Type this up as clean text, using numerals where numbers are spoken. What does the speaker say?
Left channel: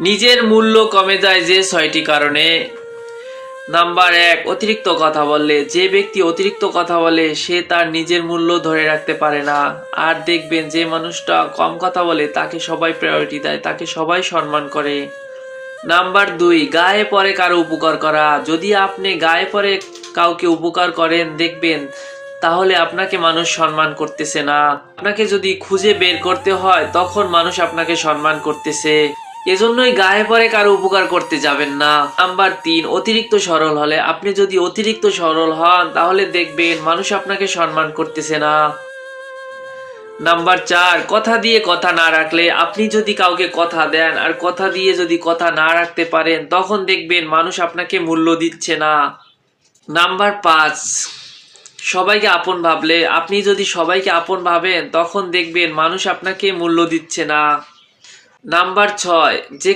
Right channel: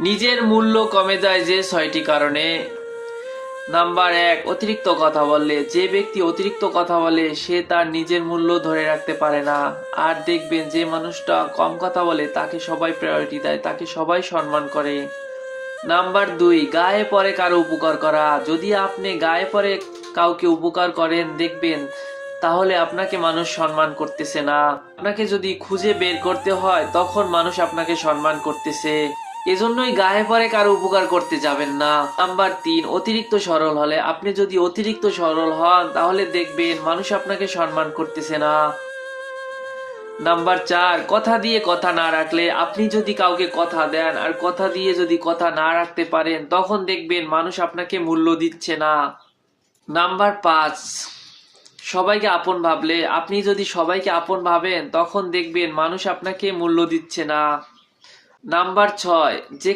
নিজের মূল্য কমে যায় যে 6টি কারণে। নাম্বার 1, অতিরিক্ত কথা বললে। যে ব্যক্তি অতিরিক্ত কথা বলে সে তার নিজের মূল্য ধরে রাখতে পারে না। আর দেখবেন যে মানুষটা কম কথা বলে তাকে সবাই প্রায়োরিটি দেয়, তাকে সবাই সম্মান করে। নাম্বার 2, গায়ে পড়ে কারো উপকার করা। যদি আপনি গায়ে পড়ে কাউকে উপকার করেন দেখবেন তাহলে আপনাকে মানুষ সম্মান করতেছে না। আপনাকে যদি খুঁজে বের করতে হয় তখন মানুষ আপনাকে সম্মান করতেছে। এজন্যই গায়ে পড়ে কারো উপকার করতে যাবেন না। নাম্বার 3, অতিরিক্ত সরল হলে। আপনি যদি অতিরিক্ত সরল হন তাহলে দেখবেন মানুষ আপনাকে সম্মান করতেছে না। নাম্বার 4, কথা দিয়ে কথা না রাখলে। আপনি যদি কাউকে কথা দেন আর কথা দিয়ে যদি কথা না রাখতে পারেন তখন দেখবেন মানুষ আপনাকে মূল্য দিচ্ছে না। নাম্বার 5, সবাইকে আপন ভাবলে। আপনি যদি সবাইকে আপন ভাবেন তখন দেখবেন মানুষ আপনাকে মূল্য দিচ্ছে না। নাম্বার 6, যে